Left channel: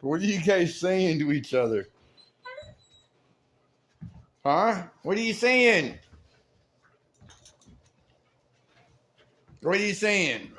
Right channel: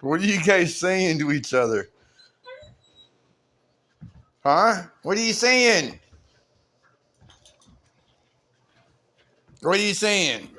What are you guys saying to each other? Huh? What are you saying? What are you saying?